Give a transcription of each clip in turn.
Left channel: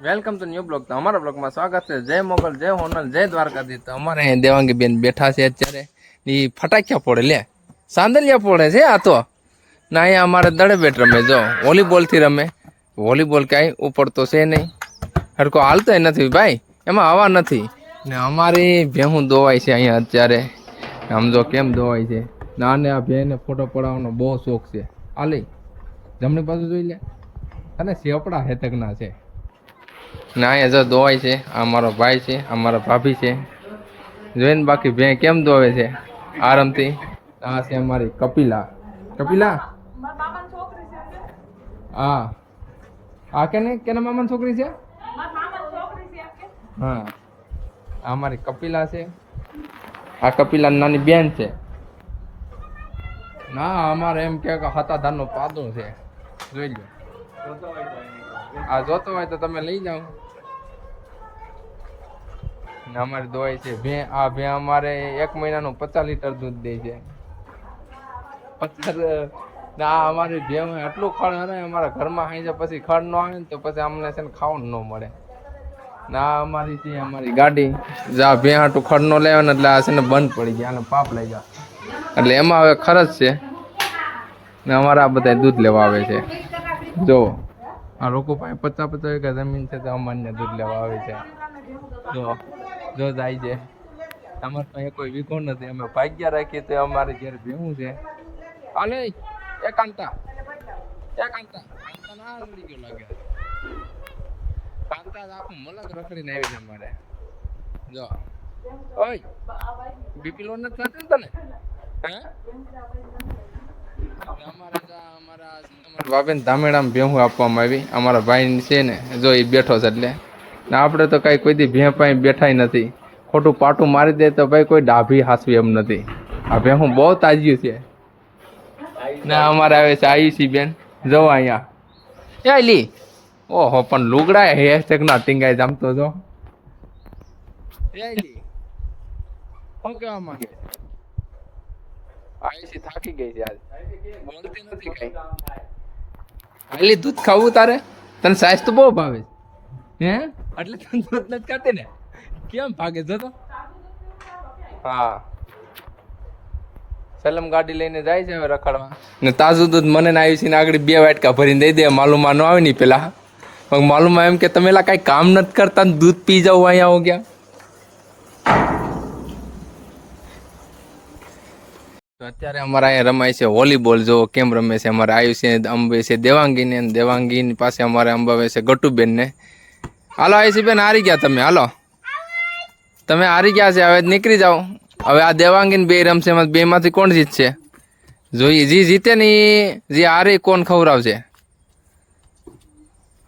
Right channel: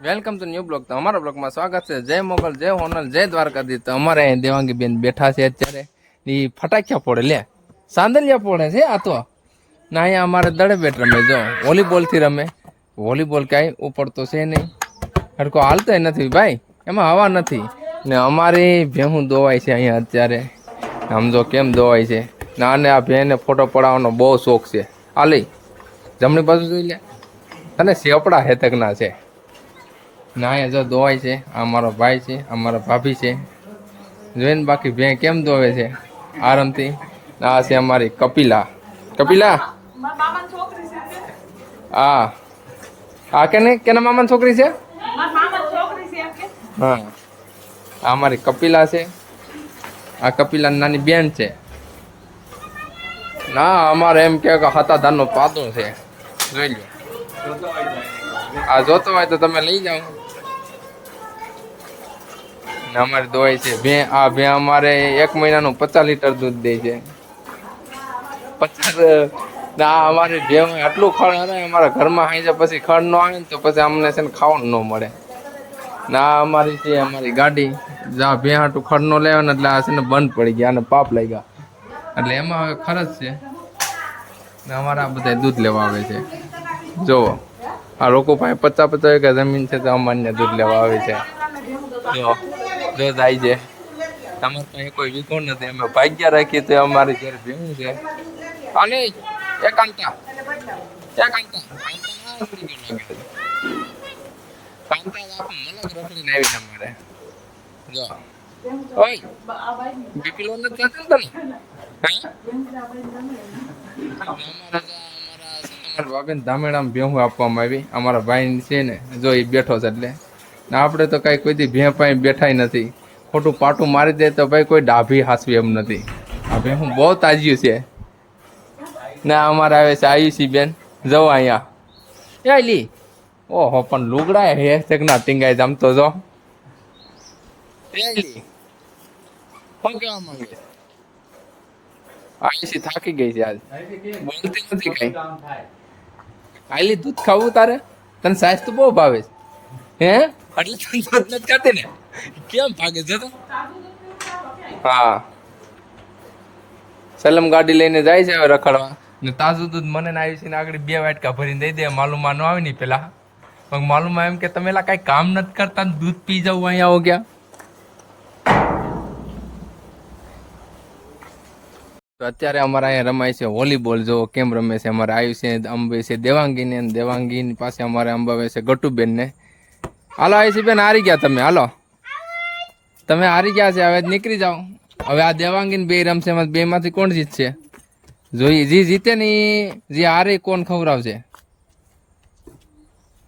Welcome to new blog. તો અમારા બ્લોગમાં સ્વાગત છે. જય મોગલ, જય હોનલ, જય દ્વારકાધીશ. તો અમારે અહીં દેવાંગી બેન બેઠા છે અત્યારે. એ ફટાક્યા ફોડે, લે સાંદલિયા ફોડે છે આ તો. ના અહીંયા અમારે દડે બેટ રમે, જો વોલીબોલથી રમે. વોલીબોલ ક્યાંય ઉપડતો છે નહીં, હરકો હાલતોય નથી ભાઈ, એમાં હવા નથી. ને અમારી ભેહું દોવાય છે અહીંયા અત્યારે. આમ જો કેમ દોવાય છે. ના ને આ ભેંને ફોટો પડાવવાનો બહુ શોખ છે. આ લઈ જમણી બાજુ જોઈ લે, તને સેપડા હેતકના છે. ના અહીંયા જો દોવાય છે. આ મારો ભાઈ છે, આ મારા ભાભી છે. જોઈને બાકી ભેં કેમ દોવે છે આરામથી. આ છે અમારી કપિલા. કપિલા હા, આ કેના મામાની છોકરી છે? હા, આ અમારી કપિલા છે. આ કપિલા નાની બેન છે. ના અમારે એમ કે હાથા ધાનનો પાદો છે, જોઈ લો. આ જોતો હોય તો તમે લઈ જાઓ. અમારે દોવાય છે ભે. આ ભે અમારે 1 મહિનાનું 50 લીટર દૂધ દે છે. 50. આ અમારી ભે આટલું ખડ હરાય અમારા ઘરમાં હાઈ જાય, પછી ખડ ન આવે ને તો પછી અમને છે ને ખાવાનું ન મળે. ના અમારી છે અમારી ગાડી, જા ભે હાટું ખડ ન લેવા ને એટલે આ છે ને બંધ પડી ગયા અને પાપ લઈ ગયા, એટલે એમાં હવે ખર્ચ છે ને અમારે આ બધા દૂધ લેવા આવે છે. જોવો આ લોકો પાસે 50-50 વીઘા જમીન છે તો અમાન્ય દૂધ લેવા આવે છે. જો જાય છે. અમારે પાસે કોઈ વીઘો નથી, અમે ભાગ્યા રાખીએ તો અમારી ઘેર ભેવું છે. હાલે કાંતા ના ઉડી ગયો લાગે છે. કાંતા આખું મલક રખડીને આવી છે અમારે. જો ઓય બીપી લો નથી થતો તને? હે અમારા બાબેન ધામેડામાં ભેહું આપવામાં આવી. અમારા ભાઈ છે ને, જો એ બેઠો છે એટલે. ને આપણે તો કાંઈ કોઈ દી ભેં પાસે બેઠાય નથી. ખોટું પાટું મારી દે તો ભાઈ કોઈ ડાભી હાસવી એમ નથી. આ ભેહું બહુ તાજ્યું છે. ને અમારે આવે છે આયુષી બેન, જવો અહીંયા એ લી. ઓહો પણ લુગડા હે ના ટીંગાય જમતો જો. એ લી શું કહેવા માંગે? આયુષી થાકી ગઈ છે આજ, બોલતી નથી કઈ. આલી દૂધ ખાવું તારે? તને સાઈઝ તો બહુ ભાવે છે હે, એટલે તને દૂધ નથી ખાતી ને? કેમ ભાગે જતો? હા, સલમ ગાડી લઈને જાય છે હવે રખડવા. ને તાજું દૂધ મને ને આયુષી ને આગળ 2 વાટકા ભરીને દઈ દે. માલુમાં ન આવે ને પેલા માલુમાં એમ કે તમે કઈ કામ નથી કરતા, દૂધ પી જાવ અહીંયા હો ગયા. અત્યારે અમારા અહીંયા રમાય છે વોલીબોલ. જો કેમ રમે છે અમારે આયુષી અંબે છે દેવાંગીને, દેવાંગીની પાસે અમારે અંબાવે છે ગટુબેન ને. હાલો આયુષી બેન હારી ગયા તમે, હાલો તમે હારી ગયા છે, હવે નીકળી જાઓ. હવે આ દેવાંગીને 2 રમશે, એમાં 2 માંથી કોણ જીતશે જોઈએ. જે જીતે ને જે હારે કોણ ખવડાવશે.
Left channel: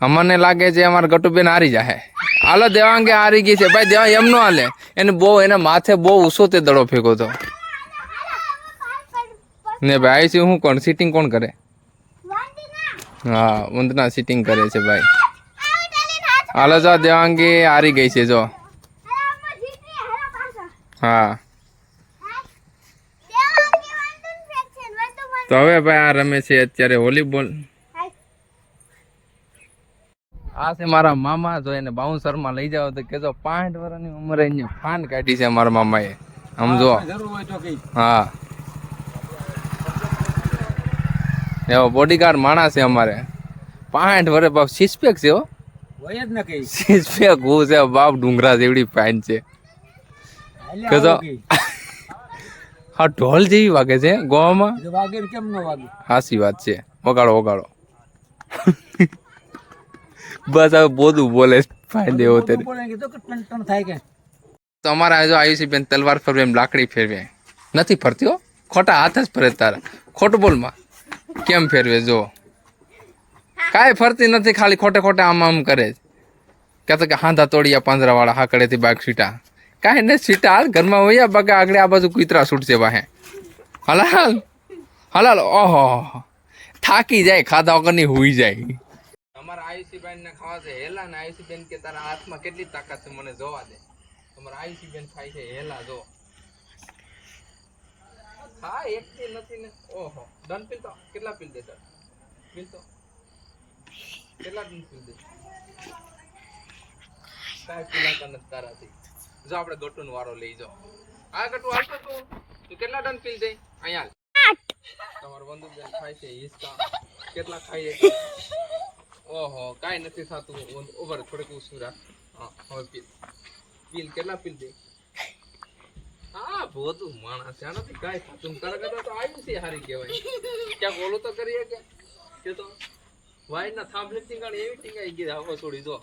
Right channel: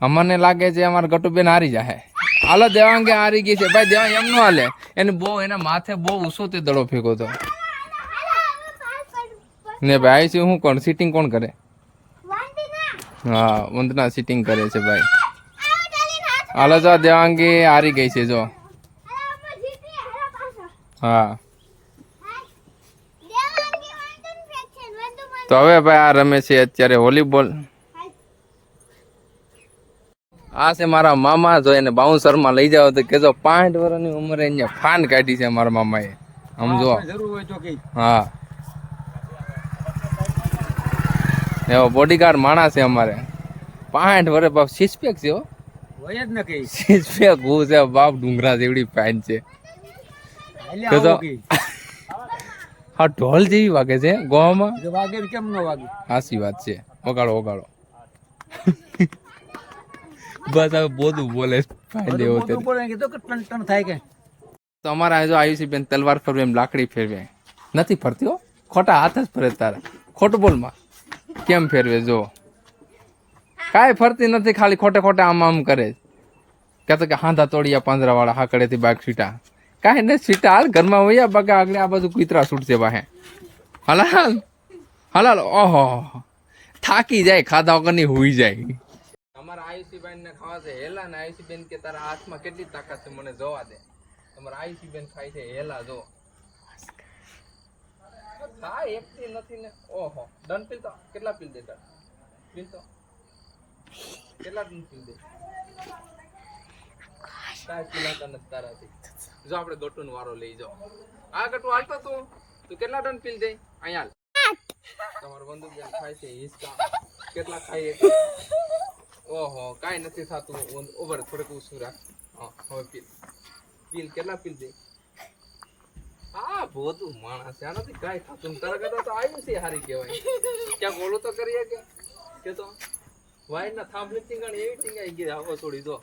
અમને લાગે છે અમારા ગટુબેન હારી જાય. હાલો દેવાંગે હારી ગઈ છે ભાઈ. દેવાંગ એમ નો હાલે, એને બહુ એના માથે બહુ ઊંચો તે દડો ફેંકો હતો ને ભાઈ. શું હું કોણ સિટિંગ કોણ કરે? હા વંદના સિટિંગ કરે છે ભાઈ. હાલો જો દેવાંગી હારી ગઈ છે જો. હા તો હવે ભાઈ આ રમે છે અત્યારે વોલીબોલ. આ છે મારા મામા. જો એને બાઉન્સરમાં લઈ જાવ તો કેજો 65 વર્ષની ઉંમરે અહીંયા ફાન કાઢી છે મારા મામાએ, સમજો. હા એવો બોડીગાર્ડ માણસ છે અમારે. 65 વર્ષ બાપ. 6 પેક છે હો, હોય જ ને કઈ 6 પેક હું છે બાપ. ડુંગરા જેવડી ફાઇન છે. કેજો હા ઢોલ જેવી વાગે છે ગોવામાં. વાગે કેમ ન વાગે? હાસી વાત છે. વગાડો વગાડો. બસ હવે બોધું બોલે ફાયદે એવો થાય કે. તો અમારા જો આયુષી બેન તલવાર ફરવે એમ લાકડી ફેરવે નથી ફરતી હો, ખોટા હાથ જ ફરે તારા. ખોટું બોલમાં કેમ ફેરવે જો, કાંઈ ફરતી નથી, ખાલી ખોટે ખોટે આમ આમ કરે. કહેતો કે હાંધા તોડિયા પાંજરાવાળા હાકડેથી બાગ સીટા. કાંઈ ને સીટા હાલ ઘરમાં હોય બાકી આગળ આ બાજુ કૂતરા છૂટશે વાહે. હલાલ હલાલ. ઓહો થાકી જાય, ખાધા વગરની હુઈ જાય. અમારા આયુષીબેન ને ખાવા છે હેલા ને. આયુષીબેન કે તારા હાથમાં કેટલી તાકાત છે મને જોવા દે. તમારા આયુષીબેન ખાય છે હેલા જો. હા એકથી નથી ને. ઓહો ડન પીલ તો કેટલા પીલ દે? પીલ તો કેટલા ડન પીલ દે? કાંઈ પીલાતા નથી તારાથી. જો આપણે ગટુનો વારો લઈ જાઓ. આ ગટુ હાલતો તું કેટલા ટન પીલ દે અહીંયા હાલ. તમારો બંદૂક બેન ખાય છે હિસકા કેટલા ખાઈએ છે? ઓહો કાંઈ નથી થતું. ઓવર થોડુંક ઊંચું રાખ. હા હવે પીલ કેટલા પીલ દે? હા બધું માણસ છે આનાથી કાંઈ થતું તારા કરતા તો આવ્યું છે હારી કહેવાય. ક્યાંક ઓલું તો કરીએ કે તો વાઈ ના થાંભલી ટીંગાણ એવી ટીંગાઈ ગઈ આખો છોડી જો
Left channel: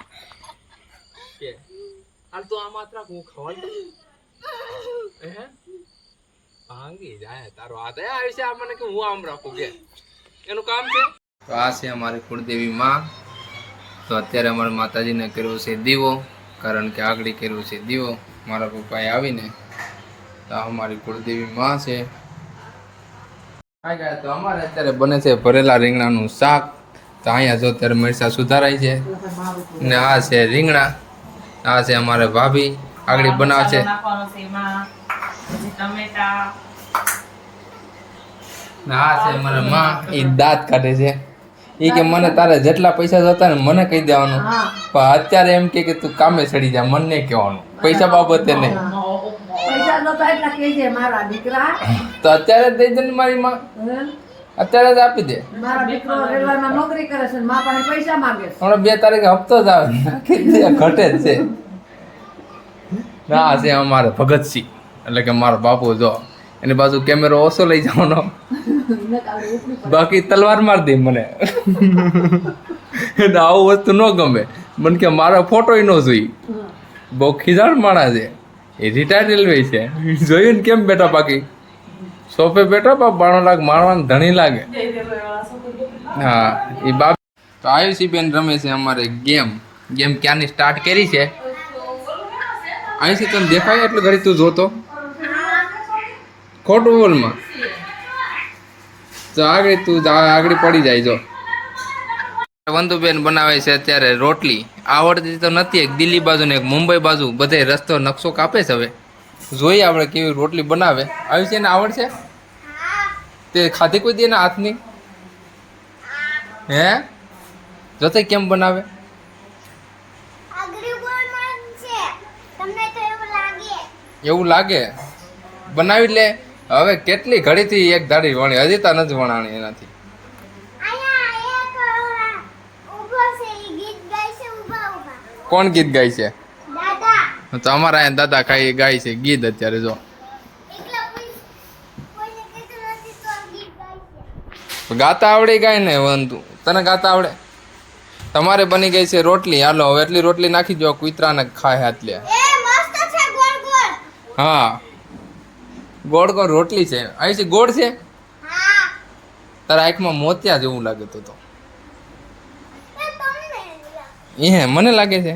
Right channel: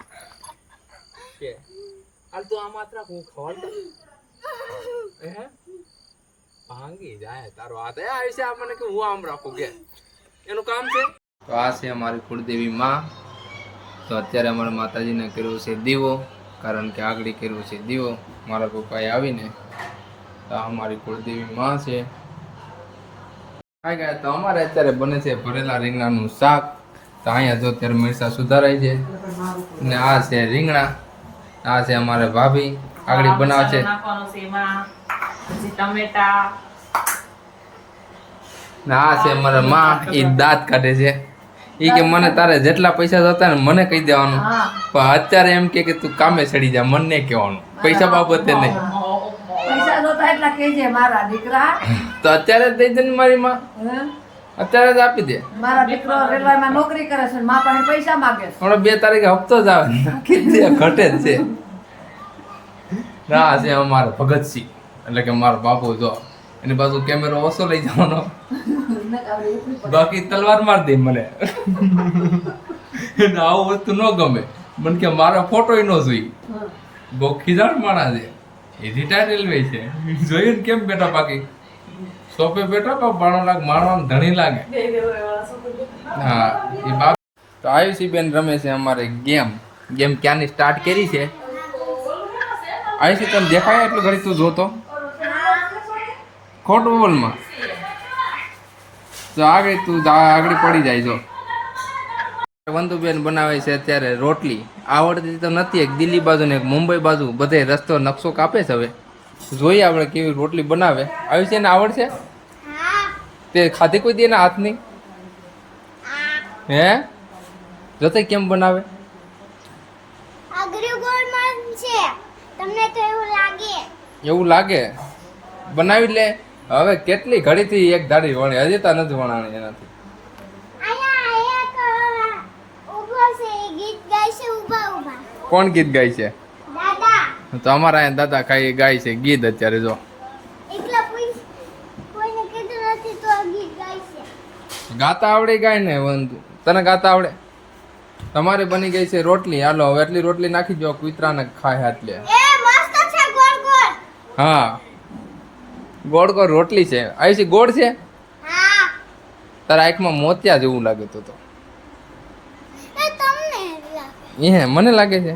કે હાલ તો આ માત્ર હું ખવાડ હે ભાંગી જાય તારો હાથ આવી છે મને કે હું આમ રાખું કે એનું કામ છે. તો આ છે અમારી કુળદેવી માં. તો અત્યારે અમારા માતાજીને કર્યો છે દીવો, કારણ કે આગળ કર્યો છે દીવો મારા પપ્પાએ આવીને. તો અમારી કુળદેવી માં છે. તો અમારે અત્યારે બને છે ભરેલા રીંગણાનું શાક. તો અહીંયા જો અત્યારે મરચા સુધારાય છે ને આ છે રીંગણા. આ છે અમારે ભાભી આગળ બનાવે છે. આ છે અમારા માં એ દાંત કાઢે છે. એ કે મને તારે જેટલા પૈસા જોતા ને મને કહી દેવાનું, પણ અત્યારે એમ કે તું કામે ચડી જા, મને કહેવાનું પૈસા બાબતે નહીં. તો અત્યારે જ દઈ દે ને મારી માં, અત્યારે જ આપી દે. હમણાં 2 તારીખે હપ્તો જ આવે નાખી દે, ઘટે જ છે. ના છે અમારે ભગતસિંહ એટલે કે મારો બાપુ જો એની બાજુ કેમેરો ઓછો લઈ જવાનો, બાકી તલવાર માર દે મને. આવું વસ્તુ ન ગમે મને, કે મારો ફોટો ન જોઈ. બહુ ખીજાણ માણસ છે એ, રિટાયર રેલવે છે. જોયું ને કેમ બેઠા, બાકી સોફે બેઠા પણ 92 લાખ મારવાનું ધણી લાગે. હા એ બાપ. તો આયુષી બેન રમે છે અમારે ગેમ ક્યાંની સ્ટાર્ટ કરી છે. આયુષી તને દેખાય એટલું ઘડી તું જોતો ખોટું બોલમાં. તો આગળ તું આગળ પડી જાય. જો વંદુબેન બનાવે છે અત્યારે રોટલી. આવડતી તો નથી, એક દિલ્હી બાજુ ને એક મુંબઈ બાજુ બધે રસ્તો નકશો કાપે છે. હવે જોઈએ આપણે કેવી રોટલી બનાવે. આવી છે ને આવડશે? તે ખાધી કોઈ દે ને હાથની? હે જોતે કેમ બનાવે? એવું લાગે બનાવી લે. હવે કેટલી ઘડીથી એક ધાડી વણી, હજી તા નથી વણાણી એનાથી. કોણ ગીત ગાય છે? તો અમારા અહીંયા દાદા ખાઈ ગાય છે ગીત અત્યારે. જો ગાતા આવડે ગાય ને વંતુ, તને ગાતા આવડે? તમારે બની ગઈ છે રોટલી. હાલો હવે એટલી રોટલી નાખી દો, કૂતરાને ખાય હાથ લે. હા ગોળ ગોળ રોટલી છે. આવી છે ગોળ છે? તારા આંખમાં મોતિયા જેવું લાગે તો એ મને લાગે છે.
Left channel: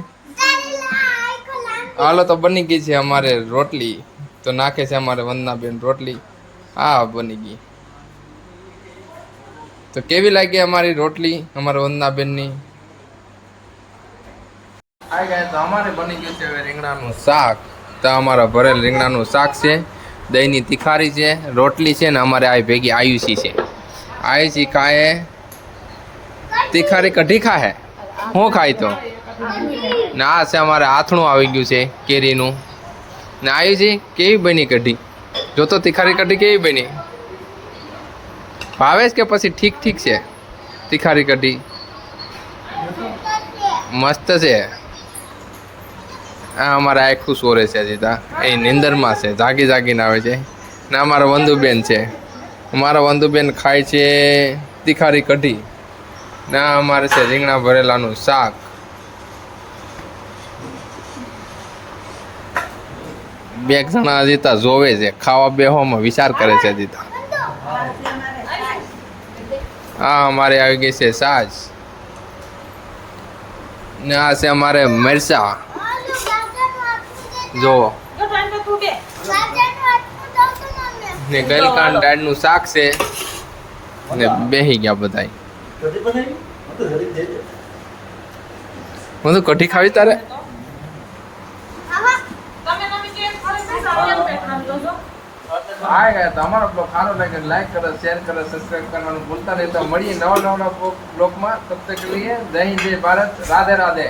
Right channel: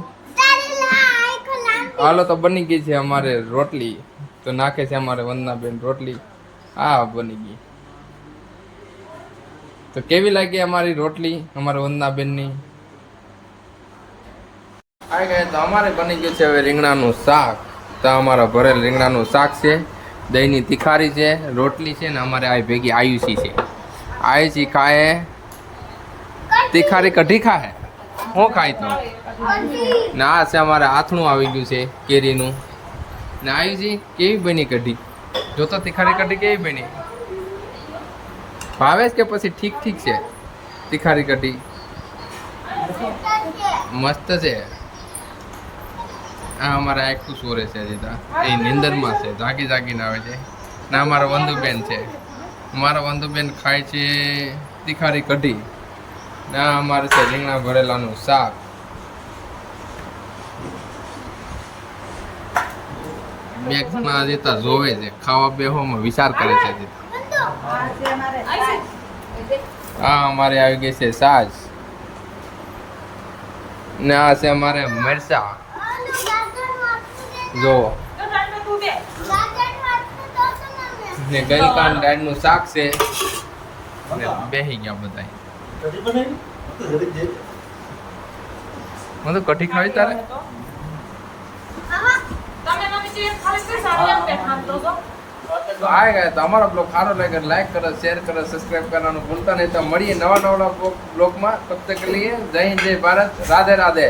હાલો તો બની ગઈ છે અમારે રોટલી. તો નાખે છે અમારે વંદનાબેન રોટલી. હા બની ગઈ. તો કેવી લાગી અમારી રોટલી અમારા વંદનાબેનની? આ ગયા તો અમારે બની ગયું છે હવે રીંગણાનું શાક. તો અમારા ભરેલ રીંગણાનું શાક છે, દહીંની તિખારી છે, રોટલી છે ને અમારે આ ભેગી આયુષી છે. આયુષી ખાય તિખારી કઢી ખાય. શું ખાય તો ને આ છે અમારે આથણું આવી ગયું છે કેરીનું. ને આયુષી કેવી બની કઢી? જો તો તિખારી કઢી કેવી બની? ભાવે કે પછી ઠીક ઠીક છે? તિખારી કઢી મસ્ત છે. આ અમારા આખું સોરે છે હજી તા, એ નિંદરમાં છે, જાગી જાગીને આવે છે. ને અમારા વંદુબેન છે, અમારા વંદુબેન ખાય છે તિખારી કઢી. ને અમારે છે રીંગણા ભરેલાનું શાક. બે જણા હજી જોવે છે, ખાવા બેહવામાં વિચાર કરે છે હજી. હા અમારે આવી ગઈ છે સાસ. ને આ છે અમારે મરચા. જોવો ને ગલકાન દાળનું શાક છે ને બેહી ગયા બધા. હું તો કઢી ખાવી તારે? આ ગયા તો અમારો બ્લોગ સારો લાગે લાઈક કરો, શેર કરો, સબસ્ક્રાઇબ કરવાનું ભૂલતા નહીં. તો મળીએ નવા બ્લોગમાં. તબ તક લીએ જય હિન્દ, જય ભારત, રાધે રાધે.